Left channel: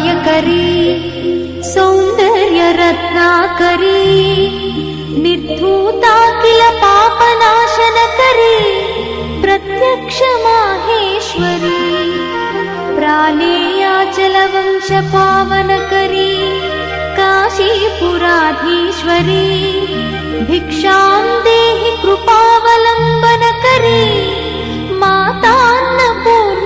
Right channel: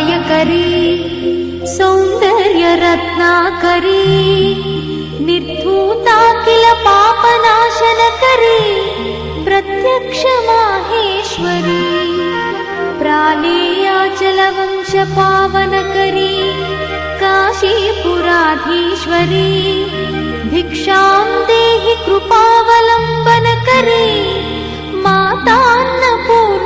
सौभाग्यदायकरी सौन्दर्यरत्नाकरी निर्धूताखिल पापनाशनकरी प्रत्यक्ष माहेश्वरी प्राणेयाचलवंशपावनकरी काशीपुराधीश्वरी भिक्षां देहि कृपावलम्बनकरी मातान्नपूर्णा